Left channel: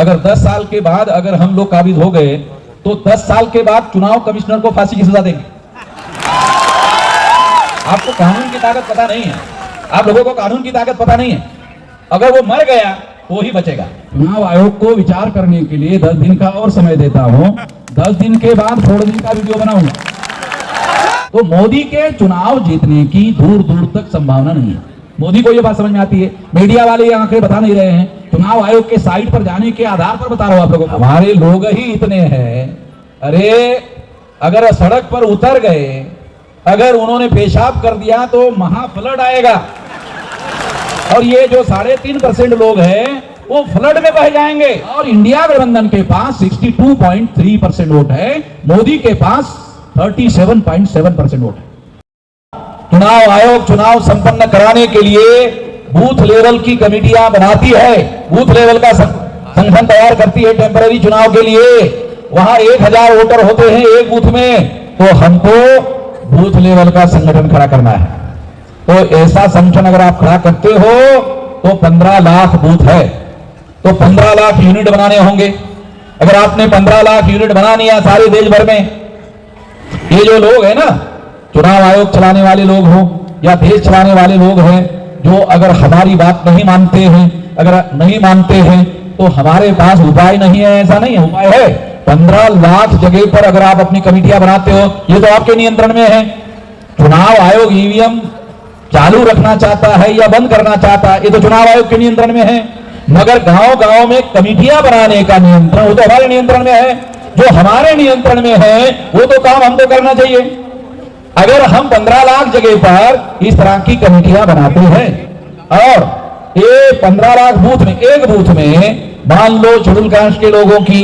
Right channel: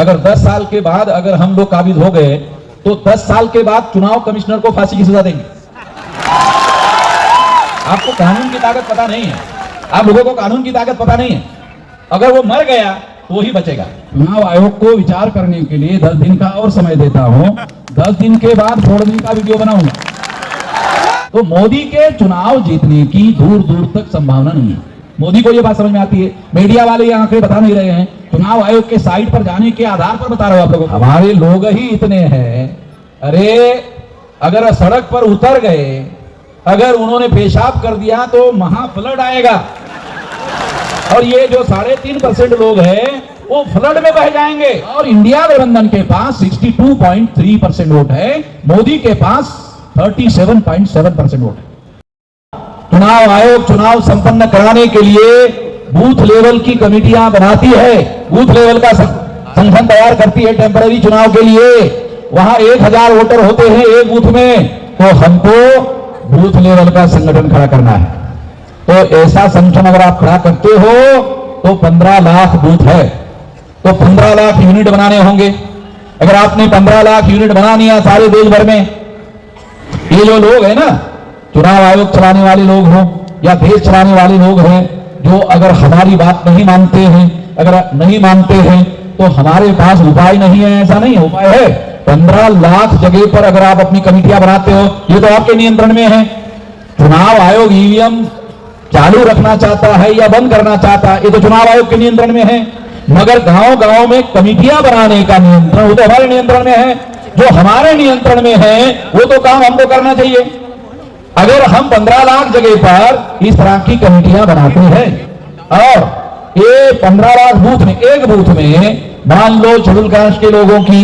अगर 10 साल के बाद अगर हम लोग काबिज हो गए तो 10 साल के बाद चुनाव कमिश्नर को फांसी की सजा देंगे। आपको कानून की ताकत पता नहीं है, आप लोगों को कानून की ताकत पता नहीं है। अगर वो मर गया वो ही बचेगा। चुनाव आयोग को विचार करने के लिए 10 दिन का और समय देता हूं। 10 दिन के बाद 4 दिन का वीडियो बनाऊंगा। तो मोदी के चुनाव जीतने की दूर दूर तक संभावना नहीं है। मोदी को ये बात समझ में आती है। मीडिया वाले ये आंकड़े बता नहीं रहे हैं, चुनाव आयोग के साइट पर जाने के आधार पर बता रहा हूं आप लोगों को। हमारे लोग ही इतने हैं, अरे अगर सड़क पर उतर गए, अगर उन्होंने पेशाब कर दिया तो महा फ्लड आएगा। और ये जो 3.5% लोग हैं वो फ्लड में बह जाएंगे। और इंडिया गठबंधन के पास 62.3% वोट है, मोदी के पास 37.7% वोट है। चुनाव आयोग चुनाव संपन्न कराने के लिए बूथ लेवल की कमेटियां बनाती है, बूथ लेवल का संगठन तैयार करती है टेम्पररी चुनाव के लिए। वहां 1000 वोटर होते हैं एक बूथ में, तो हमको बूथ लेवल का संगठन खड़ा करना है। तो ऐसा संगठन अगर आप खड़ा करते हो तो 15 लाख बूथ है, तो 15 लाख यूनिट बनाने होंगे। अगर आपने 15 लाख यूनिट बना लिया सारे देश भर में, ये जो लोग हैं ना, चुनाव आयोग चलाने वाले लोग हों या देश चलाने वाले लोग हैं, जो अगर हमारी बात नहीं मानते हैं, अगर नहीं मानते हैं तो हमारे पास उपाय नहीं है। ऐसा नहीं है, उपाय है। 15 लाख जगह पर अगर आप अपनी कमेटियां बनाते हो, ये तो आपके नियंत्रण में है। चुनाव आयोग ईवीएम चालू रखना चाहता है या बंद करना चाहता है, ये तो चुनाव आयोग के नियंत्रण में है। मगर गांव गांव में कमेटियां बनाने का नियंत्रण वो तो हमारे नियंत्रण में है। जो हमारे नियंत्रण में है वो तो काम हमको करना चाहिए। अगर हम 15 लाख जगह पर इस तरह की कमेटियां बनाते हैं और ये 15 लाख बूथ में, एक बूथ में मान लो शेड्यूल कास्ट के लोगों की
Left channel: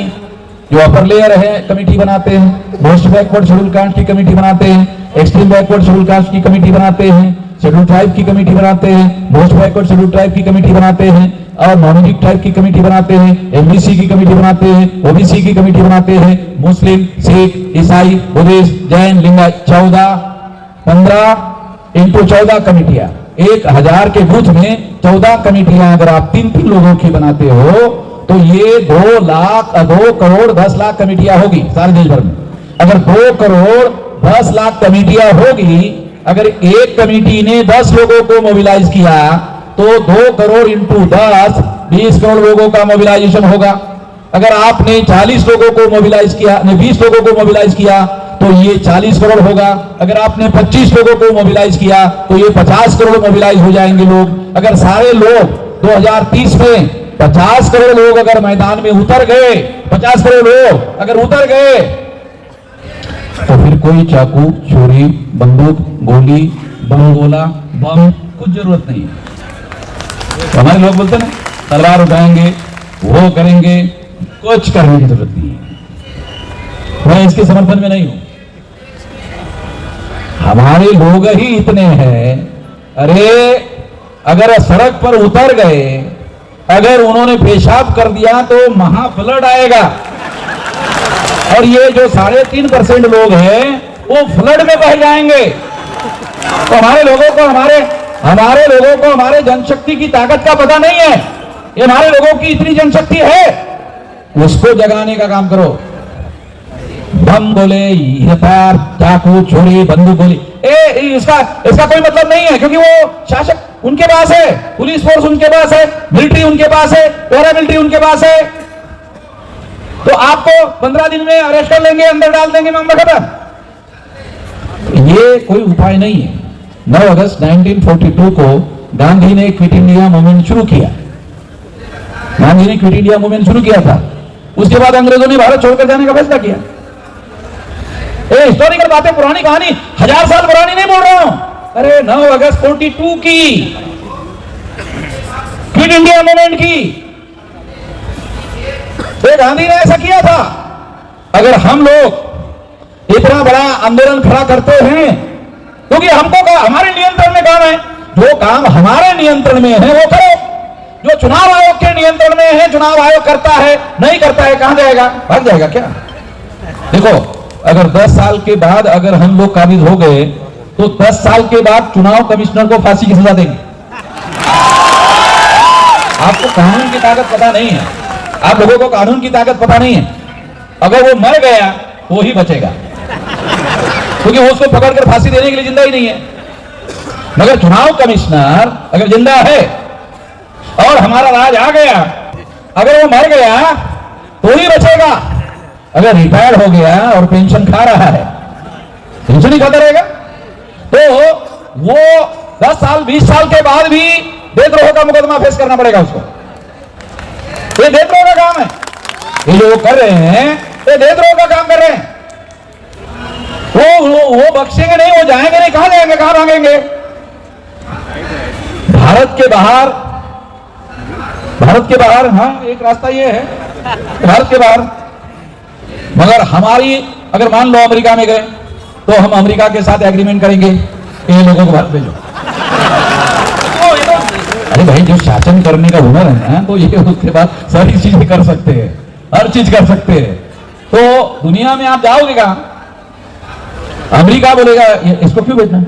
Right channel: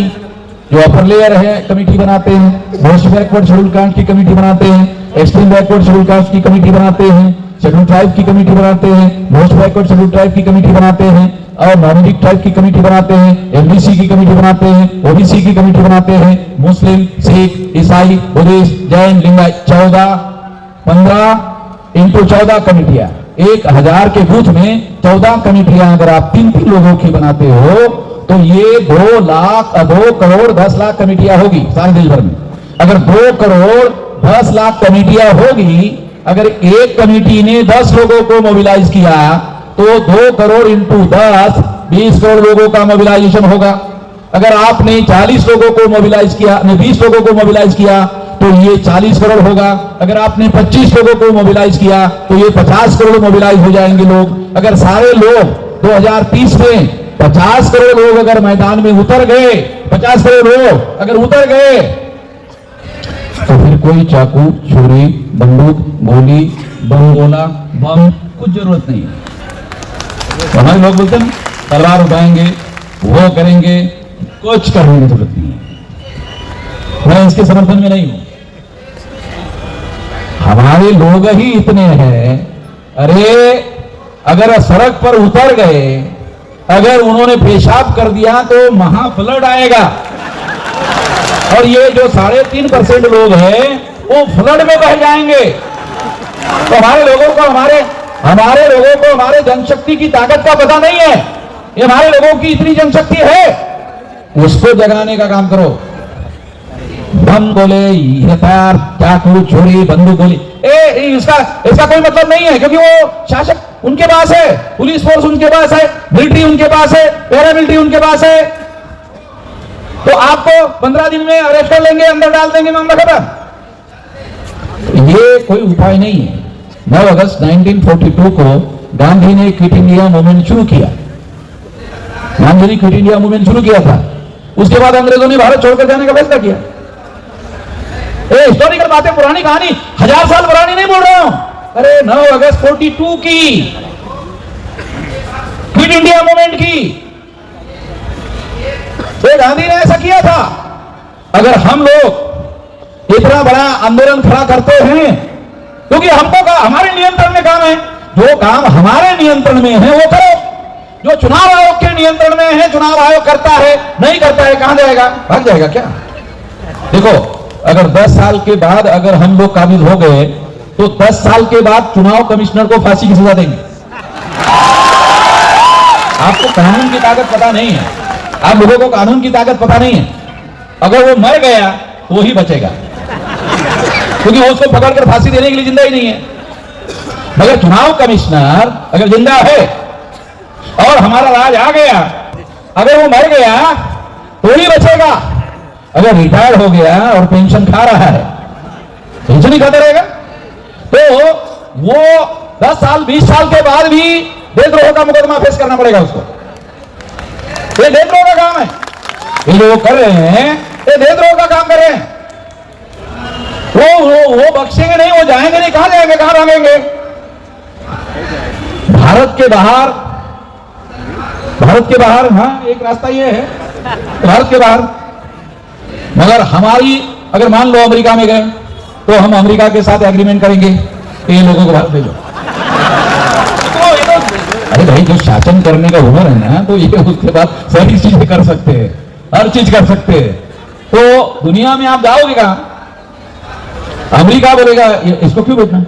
जो अपर लेयर है कमेटी बनाते हैं, मोस्ट बैकवर्ड शेड्यूल कास्ट की कमेटी बनाते हैं, एक्सट्रीम बैकवर्ड शेड्यूल कास्ट की कमेटी बनाते हैं, शेड्यूल ट्राइब की कमेटी बनाते हैं, मोस्ट बैकवर्ड शेड्यूल ट्राइब की कमेटी बनाते हैं, और माइनॉरिटी ट्राइब की कमेटी बनाते हैं, एमबीसी की कमेटी बनाते हैं, ओबीसी की कमेटी बनाते हैं, मुस्लिम, सिख, ईसाई, बुद्धिस्ट, जैन, लिंगायत, 15 इंटू 14 कमेटियां, 1000 के बूथ में 14 कमेटियां अगर आप 3 लोगों की बनाते हो तो ये 2 लाख 2 करोड़ 10 लाख कमेटियां होगी सारे देश भर में। अगर 2 करोड़ 10 लाख कमेटियां होगी, अगर एक कमेटी ने 10 लोगों को मोबिलाइज किया तो 2 करोड़ इंटू 10 20 करोड़ लोगों का मोबिलाइजेशन होगा। अगर आपने 40 लोगों को मोबिलाइज किया, 20 लोगों को मोबिलाइज किया तो ये 40 करोड़ होगा। अगर आपने 25 लोगों को मोबिलाइज किया तो ये 50 करोड़ मोबिलाइज हो जाएंगे लोग। अगर सारे लोग 2030 में 50 करोड़ लोग अगर मैदान में उतर गए, 50 करोड़ लोग अगर उतर गए, तो फिर कोई चाकू, छुरी, बंदूक, गोली, बम गोला, बम कुछ जरूरत नहीं है। तो हमारे लोग बोलते ना तलवार उठाएंगे, वो करेंगे, कुछ करने की जरूरत नहीं है। मैं इसके समर्थन में नहीं हूं। हमारे लोग ही इतने हैं, अरे अगर सड़क पर उतर गए, अगर उन्होंने पेशाब कर दिया तो महा फ्लड आएगा। और ये जो 3.5% लोग हैं वो फ्लड में बह जाएंगे। तो हमारे लोगों को हमारे जनशक्ति की ताकत का पता नहीं है। ये हमारे लोगों की इतनी जनशक्ति है, उसको जगाने का काम करो। बम गोले, हथियार, चाकू, छुरी, बंदूक, गोली, इसका कोई मतलब नहीं है, क्योंकि वो शासक उनके पास है, पुलिस फोर्स उनके पास है, मिलिट्री उनके पास है, पैरामिलिट्री उनके पास है। तो आपको 15 दिन में अरेस्ट कर लेंगे, अंदर डाल देंगे, मामला खत्म। ये कोई उपाय नहीं है। 9 अगस्त 1942 को गांधी ने क्विट इंडिया मूवमेंट शुरू किया। गांधी ने क्विट इंडिया मूवमेंट शुरू किया था। उसके बाद अंग्रेजों ने भारत छोड़कर जाने का फैसला किया। हिस्टोरिकल बातें, पुरानी कहानी, 1000 साल पुरानी नहीं बोल रहा हूं। अरे 9 अगस्त 42 की क्विट इंडिया मूवमेंट की, तो गांधी ने ऐसा किया था। अगर हम लोग इतना बड़ा आंदोलन खड़ा करते हैं, क्योंकि हमको हमारे नियंत्रण में काम है, जो काम हमारे नियंत्रण में है वो करो। जो चुनाव आयोग के नियंत्रण में है, चुनाव आयोग करता है, नहीं करता है, कहां जाएगा? भाग जाएगा क्या? देखो, अगर 10 साल के बाद अगर हम लोग काबिज हो गए तो 10 साल के बाद चुनाव कमिश्नर को फांसी की सजा देंगे। आपको कानून की ताकत पता नहीं है, आप लोगों को कानून की ताकत पता नहीं है। अगर वो मर गया वो ही बचेगा, क्योंकि उसको पकड़कर फांसी देने के लिए जिंदा ही नहीं है। मगर चुनाव कमिश्नर अगर जिंदा है और हमारा राज आ गया, अगर वो मर गया तो ही बचेगा। अगर रिटायर्ड हो गया और पेंशन खा रहा है, पेंशन ही खाता रहेगा, तो वो 10 साल 20 साल के बाद भी देशद्रोह का मुकदमा फेस करना पड़ेगा उसको। ये देशद्रोह का काम है। ये जो कर रहे हैं ये देशद्रोह का काम कर रहे हैं। वो बख्शेंगे नहीं, वो जाएंगे नहीं। कहां जाएंगे, कहां भागेंगे? भारत के बाहर हाँ एक रास्ता ये है, भारत के बाहर। मगर हमारी अगर मान लो अमेरिका में गए तो हम अमेरिका के साथ एग्रीमेंट करेंगे ये लोगों को बात भेजो। अरे भाई जो शासन करने का हुनर है ना, तो ये उसके बाद सारी चीजें कर सकते हैं, हर चीज कर सकते हैं। तो दुनिया में आप जाओगे कहां? अमेरिका बोलेगा इसको क्यों भेजना,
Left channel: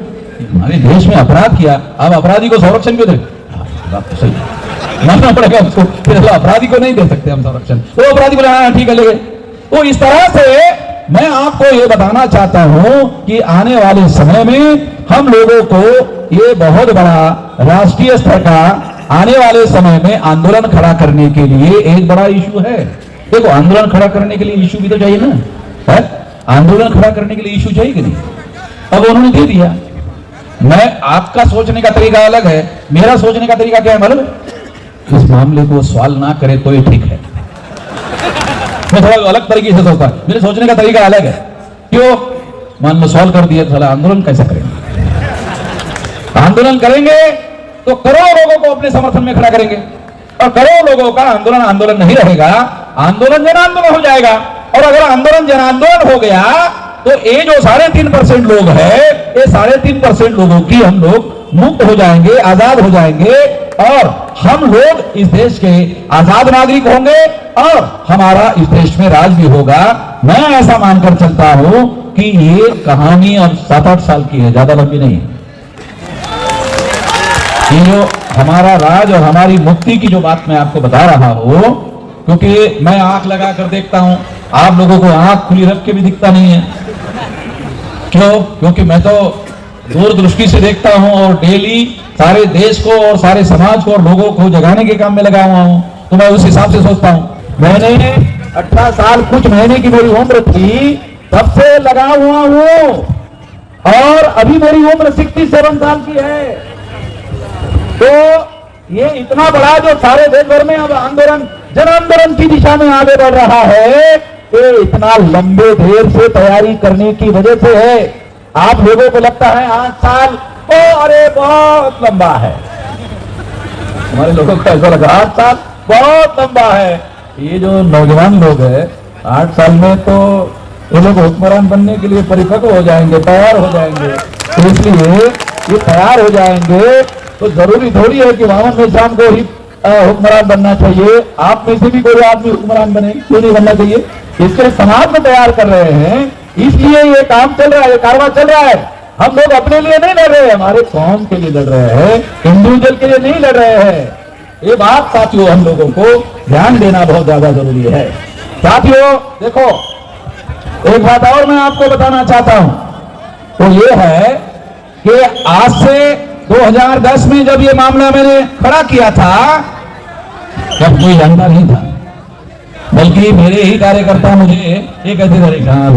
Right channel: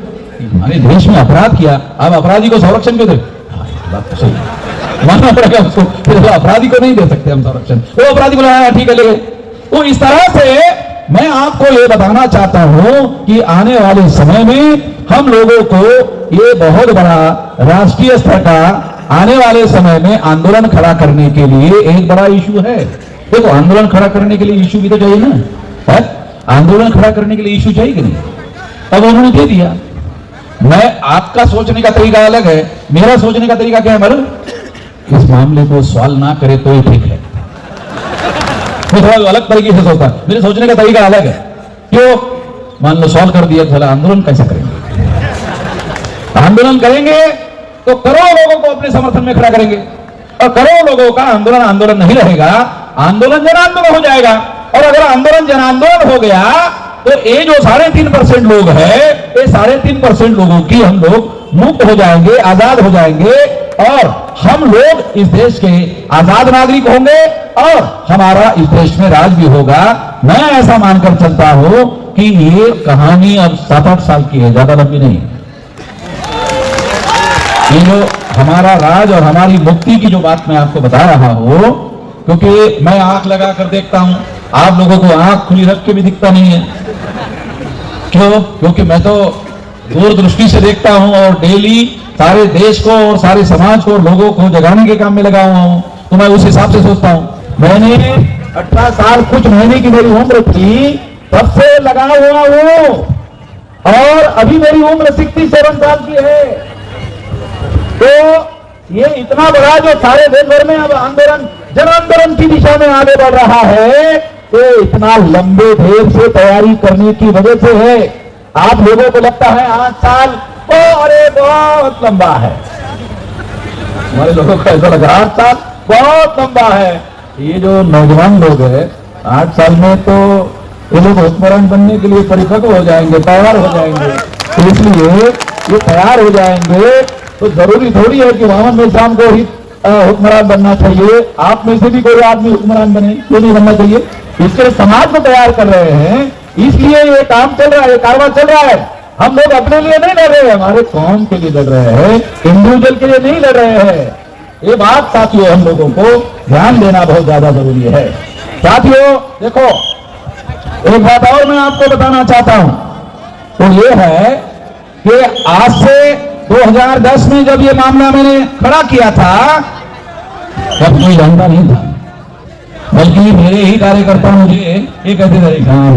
हमारे देश में अपराध किया, आप अपराधी को संरक्षण क्यों दे? मानना पड़ेगा उसको, फिर अपराधी को नहीं दे सकते हम संरक्षण। वो अपराधी को लगाना ठीक है ले। तो इस तरह से मैं आपको ये बताना चाहता हूं कि आने वाले समय में हम लोगों को ये बहुत बड़ा राष्ट्रीय स्तर का आने वाले समय में आंदोलन खड़ा करने के लिए एक बड़ा इशू है। देखो आंदोलन खड़ा करने के लिए इशू भी तो चाहिए ना, है? आंदोलन खड़ा करने के लिए इशू चाहिए कि नहीं? अब उन्होंने दे दिया। मैं आपका सोचने का तरीका अलग है, मेरा सोचने का तरीका क्या है मालूम? इस मामले को सॉल्व ना करे तो ये ठीक है। मैं थोड़ा अलग तरीके से सोचता, मेरे सोचने का तरीका अलग है। क्यों? मान लो सॉल्व कर दिया, थोड़ा आंदोलन कैसे करेंगे? आंदोलन करेंगे तो करोड़ों लोगों को अपने समर्थन में खड़ा करेंगे, और करोड़ों लोगों का आंदोलन नहीं रहेगा, आंदोलन जन आंदोलन हो जाएगा। और अगर आंदोलन जन आंदोलन हो गया तो ये जो 3.5% लोग हैं, ये 3.5% लोगों की हम लोग मुक्त हो जाएंगे, आजाद हो जाएंगे, और हम लोग इस देश के आजाद नागरिक होंगे और हमारा इस देश में राज भी होगा। मैं ऐसा मानकर चलता हूं कि ये कहानी अब 7-8 साल की है, ज्यादा लंबी नहीं। ये जो हमारा राज और हमारी मुक्ति की जो बात मैं आपको बता रहा हूं, क्योंकि मैं आंख लगा कर देखता हूं, आप लोगों को आंख खुली रख के भी दिखता नहीं है। क्यों? क्योंकि मैं तो दूरदृष्टि से देखता हूं और डेली सारे देश को और सारे समाज को और लोगों को जगाने के काम में लगा हुआ हूं, तो मैं उस हिसाब से सोचता हूं। मैंने 18 साल कुछ महीने की मेरी उम्र थी, तब से लगा हुआ हूं, और अभी मेरी उम्र 67 साल की है। तो ये इतना बड़ा जो सारे देश भर में अब आंदोलन जन आंदोलन की दिशा में आगे बढ़ रहा है, ये इतना लंबे देर से तैयारी करने की वजह से है। आप लोगों को लगता है 8 साल तो अरे बहुत लंबा है, हमारे लोगों को ऐसा लगा 8 साल बहुत लंबा है। ये जो नौजवान लोग हैं 8 साल में तो ये लोग हुक्मरान बनने के लिए परिपक्व हो जाएंगे, तैयार हो जाएंगे। तो इसलिए ये तैयार हो जाएंगे तो जरूरी थोड़ी है कि मोहम्मद मेहसान को ही हुक्मरान बनना चाहिए। आप में से भी कोई आदमी हुक्मरान बने, क्यों नहीं बनना चाहिए? इसके समाज को तैयार कर रहे हैं, इसलिए ये काम चल रहा है, कारवां चल रहा है। हम लोग अपने लिए नहीं लड़ रहे हैं, हमारे कौम के लिए लड़ रहे हैं, इंडिविजुअल के लिए नहीं लड़ रहे हैं। ये बात साथियों हम लोगों को ध्यान देना बहुत ज्यादा जरूरी है। साथियों देखो, एक बात और मैं आपको बताना चाहता हूं, तो ये है कि आज से 2010 में जब ये मामला मैंने खड़ा किया था, जब कोई जानता नहीं था, बल्कि मेरे ही कार्यकर्ता मुझे ये कहते थे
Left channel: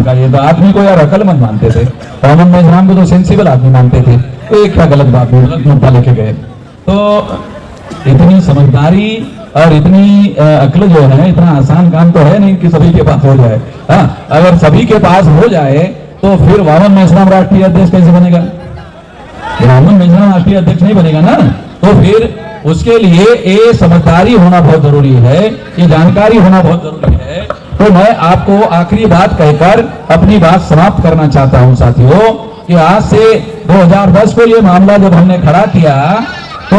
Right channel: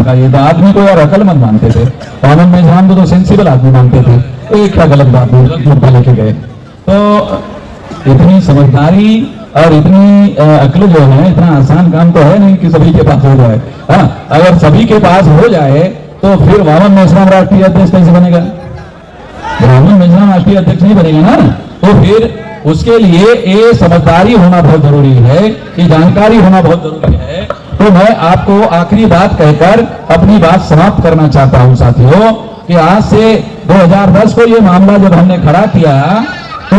का ये आदमी को यार अकलमंद मानते थे, मोहम्मद मेहसान को तो सेंसिबल आदमी मानते थे। एक का गलत बात मुद्दा लेके गए। तो इतनी समझदारी और इतनी अक्ल जो है, इतना आसान काम तो है नहीं कि सभी के पास हो जाए। हाँ, अगर सभी के पास हो जाए तो फिर मोहम्मद मेहसान राष्ट्रीय अध्यक्ष कैसे बनेगा? मोहम्मद मेहसान राष्ट्रीय अध्यक्ष नहीं बनेगा ना। तो फिर उसके लिए ये समझदारी होना बहुत जरूरी है, ये जानकारी होना बहुत जरूरी है। तो मैं आपको आखिरी बात कहकर अपनी बात समाप्त करना चाहता हूं साथियों, कि आज से 2010 को ये मामला जब हमने खड़ा किया, तो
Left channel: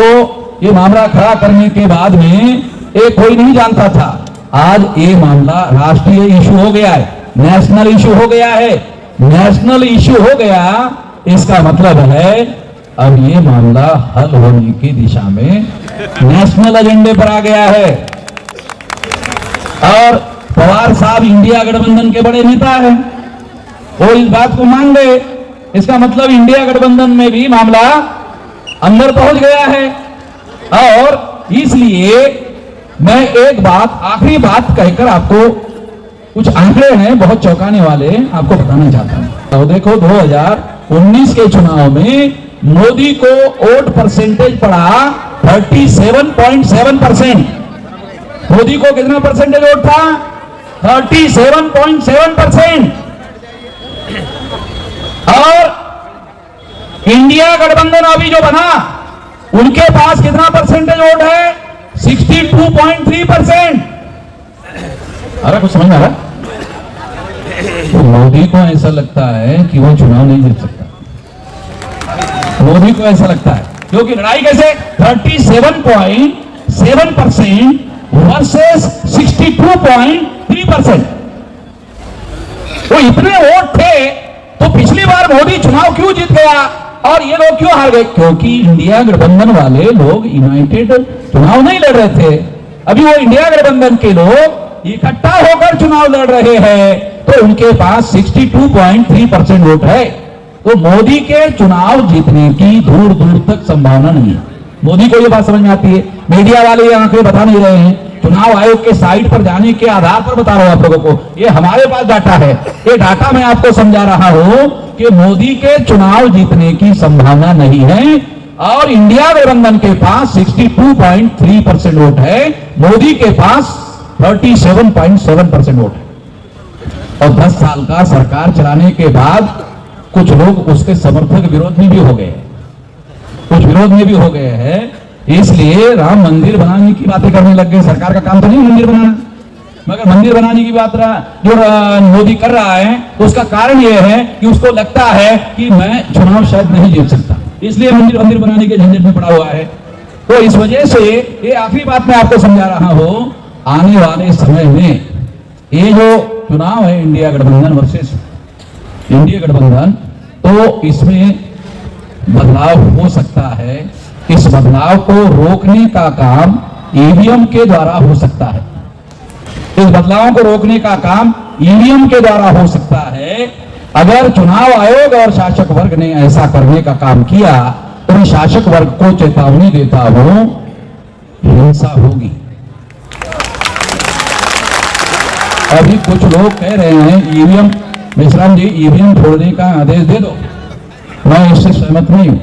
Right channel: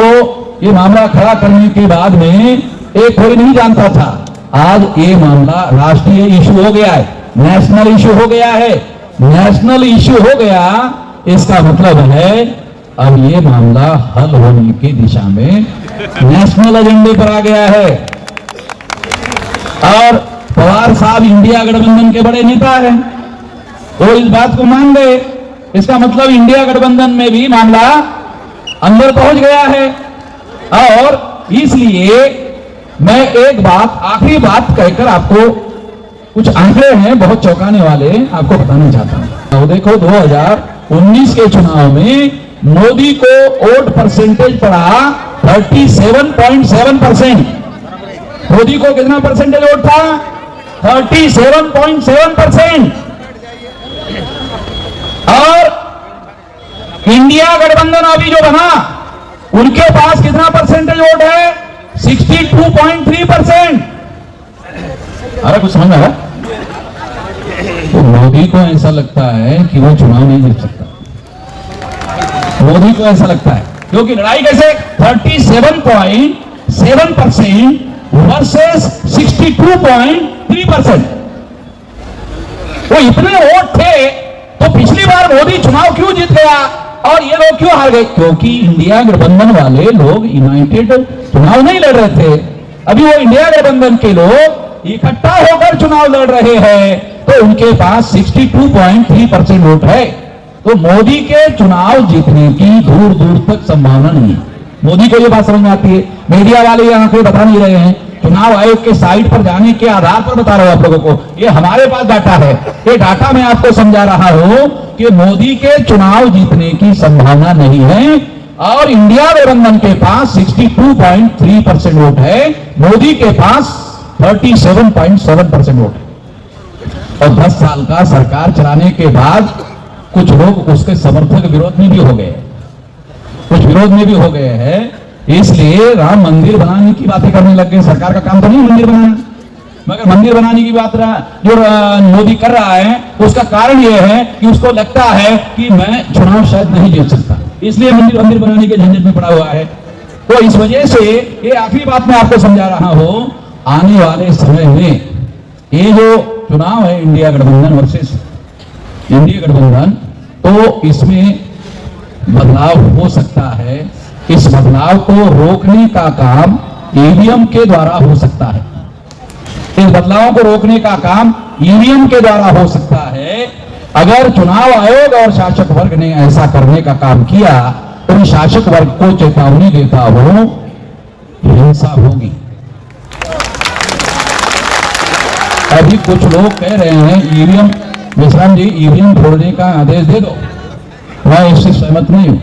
ये मामला खड़ा करने के बाद में एक कोई नहीं जानता था, आज ये मामला राष्ट्रीय इशू हो गया है, नेशनल इशू हो गया है। नेशनल इशू हो गया, इसका मतलब है अब ये मामला हल होने की दिशा में नेशनल एजेंडे पर आ गया है। और पवार साहब इंडिया गठबंधन के बड़े नेता हैं, वो इस बात को मान गए। इसका मतलब इंडिया गठबंधन में भी मामला अंदर पहुंच गया है। और इसलिए मैं एक बात, आखिरी बात कहकर आपको कुछ आंकड़े हैं बहुत चौंकाने वाले, आपको बताना चाहता हूं। तो देखो 2019 के चुनाव में मोदी को वोट परसेंटेज पड़ा 37.7%। मोदी को कितना परसेंटेज वोट था? 37.7%। और इंडिया गठबंधन अभी जो बना, उनके पास कितना परसेंटेज वोट है? 62.3%। अरे कुछ समझ आ रहा? तो मोदी को ऐसा लगता है कि वो चुनाव नहीं जीत सकता। मोदी को ऐसा लगता है, क्योंकि लड़ाई कैसे 37.7% वर्सेस 62.3%। वो इतने वोट थे, तो पिछली बार मोदी चुनाव क्यों जीत गया और ये लोग क्यों हार गए? क्योंकि इंडिया गठबंधन वाले लोग यूनाइटेड चुनाव नहीं लड़ रहे थे। अभी वो इंडिया गठबंधन के लोग इकट्ठा होकर चुनाव लड़ रहे हैं, तो उनके पास 62.3% वोट है। तो मोदी के चुनाव जीतने की दूर दूर तक संभावना नहीं है। मोदी को ये बात समझ में आती है। मीडिया वाले ये आंकड़े बता नहीं रहे हैं, चुनाव आयोग के साइट पर जाने के आधार पर बता रहा हूं आप लोगों को। ये हमारे पास डाटा है, ये डाटा मैं आपको समझा रहा हूं कि मोदी के चुनाव जीतने की संभावना नहीं है और इंडिया गठबंधन के पास 62.3% वोट है, मोदी के पास 37.7% वोट है। और 10 साल का सरकार चलाने के बाद कुछ लोग उसके समर्थक विरोध में भी हो गए, हैं। इसलिए राम मंदिर बनाने की बातें करने लग गए। सरकार का काम तो नहीं मंदिर बनाना, मगर मंदिर बनाने की बात जो मोदी कर रहा है, उसका कारण यह है कि उसको लगता है कि मैं चुनाव शायद नहीं जीत सकता, इसलिए मंदिर बनाने के झंझट में पड़ा हुआ है। तो इस वजह से ये आखिरी बात मैं आपको समझा रहा हूं, आने वाले समय में ये जो चुनाव है इंडिया गठबंधन वर्सेस इंडिया गठबंधन, तो इसमें बदलाव हो सकता है। इस बदलाव को रोकने का काम ईवीएम के द्वारा हो सकता है। इस बदलाव को रोकने का काम ईवीएम के द्वारा हो सकता है। अगर चुनाव आयोग और शासक वर्ग ने ऐसा करने का काम किया तो मैं शासक वर्ग को चेतावनी देता हूं, हिंसा होगी। अभी कुछ लोग कह रहे हैं ईवीएम, विश्राम जी ईवीएम छोड़ने का आदेश दे दो, मैं इससे सहमत नहीं हूं।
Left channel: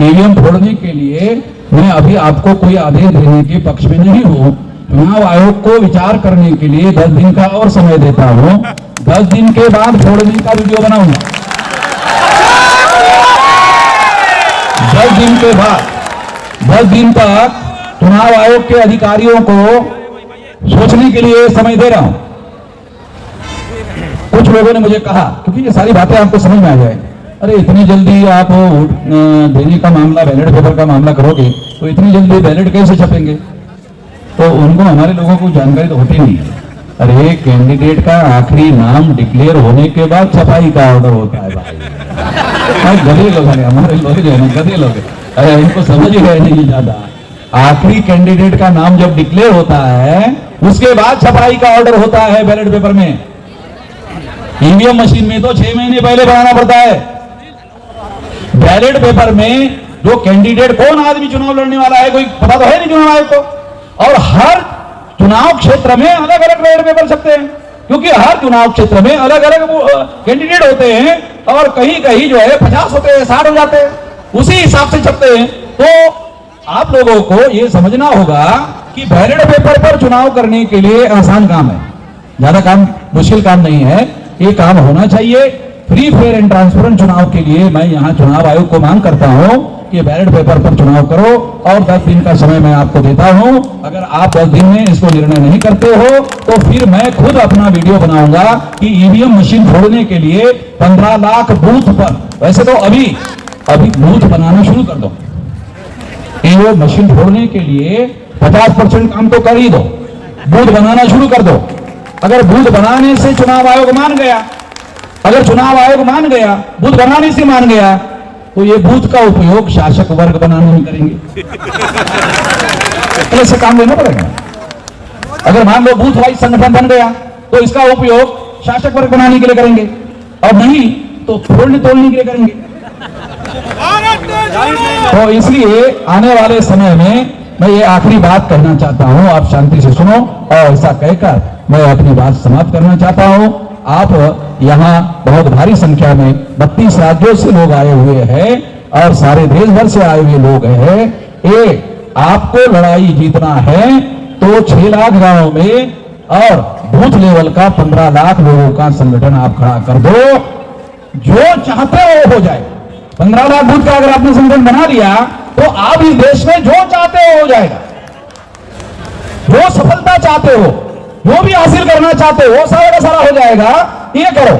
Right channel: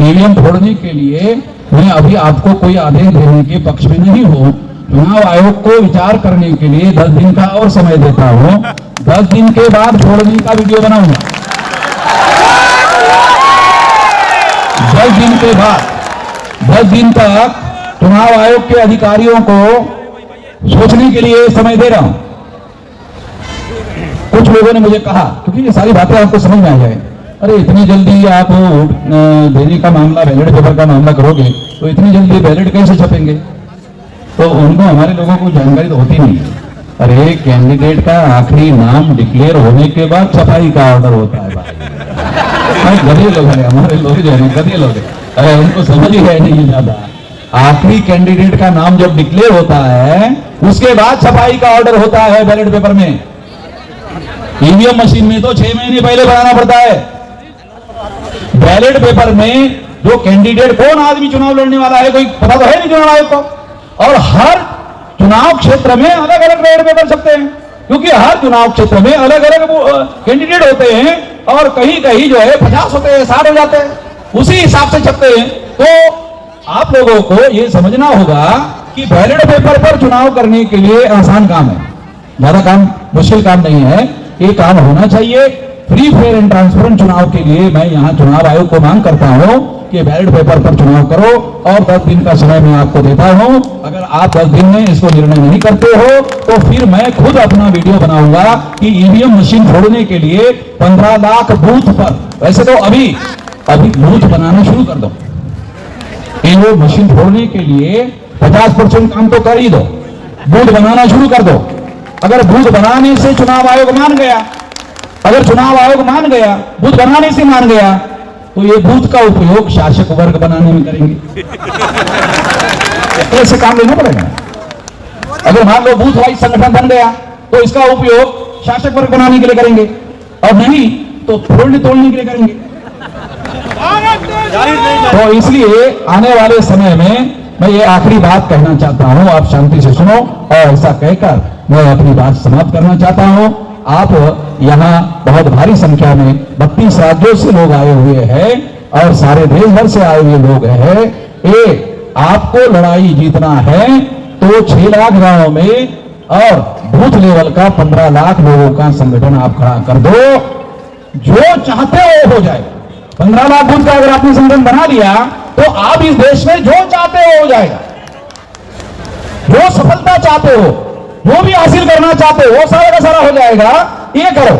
ईवीएम छोड़ने के लिए मैं अभी आपको कोई आदेश देने के पक्ष में नहीं हूं। चुनाव आयोग को विचार करने के लिए 10 दिन का और समय देता हूं। 10 दिन के बाद छोड़ने का वीडियो बनाऊंगा। 10 दिन के बाद 10 दिन तक चुनाव आयोग के अधिकारियों को सोचने के लिए समय दे रहा हूं। कुछ लोगों ने मुझे कहा, क्योंकि ये सारी बातें आपको समझ में आ जाएगी, अरे इतनी जल्दी आप देने का मामला, बैलेट पेपर का मामला करोगे तो इतनी जल्दी बैलेट कैसे छपेंगे? तो उनको, हमारे लोगों को जानकारी तो होती नहीं है। अरे कैंडिडेट का आखिरी नाम डिक्लेयर होने के बाद छपाई का ऑर्डर होता है। गधे लोग हैं हमारे लोग, गधे लोग हैं, अरे उनको समझ ही गए नहीं ज्यादा। आखिरी कैंडिडेट का नाम जब डिक्लेयर होता है उसके बाद छपाई का ऑर्डर होता है बैलेट पेपर में। ईवीएम मशीन में तो 6 महीने पहले बनाना पड़ता है। बैलेट पेपर में जो कैंडिडेट, कौन आदमी चुनाव लड़ने वाला है, कोई पता तो है नहीं चुनाव आयोग को। और हर चुनाव क्षेत्र में अलग अलग बैलेट पेपर छपते हैं, क्योंकि हर चुनाव क्षेत्र में अलग अलग कैंडिडेट होते हैं और कहीं कहीं जो है 50 होते हैं, 60 हो जाते हैं, उसी हिसाब से छपते हैं। तो आप लोगों को यह समझना होगा कि बैलेट पेपर पर चुनाव करने के लिए आसान काम है, ज्यादा काम, मुश्किल काम नहीं है। ये काम होना चाहिए। फ्री, फेयर एंड ट्रांसपेरेंट चुनाव के लिए मैं यहां चुनाव आयोग को मांग करता हूं कि बैलेट पेपर पर चुनाव करो और 10 दिन का समय मैं आपको देता हूं। अगर आप 10 दिन में इसको निर्णय नहीं करते हो तो फिर मैं खुद अपना वीडियो बनाऊंगा कि ईवीएम मशीन छोड़ने के लिए 15 लाख बूथ पर, वैसे तो अभी बूथ बनाना शुरू कर दो, ईवीएम मशीन छोड़ने के लिए 50% काम तो कर ही दो, बूथ बनाना शुरू कर दो। अगर बूथ बनाने से चुनाव आयोग मान गया, अगर चुनाव आयोग मान गया, बूथ बनाने से मान गया, तो ये बूथ का उपयोग शासक वर्ग बनाने में करेंगे। ऐसे काम लेना पड़ेगा। अगर मान लो बूथ वाइज संगठन बन गया तो इसका उपयोग शासक वर्ग बनाने के लिए करेंगे, और नहीं तो फोड़ने तोड़ने के लिए करेंगे। तो इसलिए आने वाले समय में मैं ये आखिरी बात कहना चाहता हूं, आप शांति से सुनो, और ऐसा कहकर मैं अपनी बात समाप्त करना चाहता हूं। आप यहां बहुत भारी संख्या में 32 राज्यों से लोग आए हुए हैं और सारे देश भर से आए हुए लोग हैं। ये आपको लड़ाई जीतना है तो 6 लाख गांवों में और बूथ लेवल का 15 लाख लोगों का संगठन आप खड़ा कर दो। जो चाहते हो वो हो जाए। 15 लाख बूथ का अगर आपने संगठन बना लिया तो आप इस देश में जो चाहते हो जाएगा। जो सफलता चाहते हो, जो भी हासिल करना चाहते हो, वो सारा का सारा हो जाएगा। ये करो।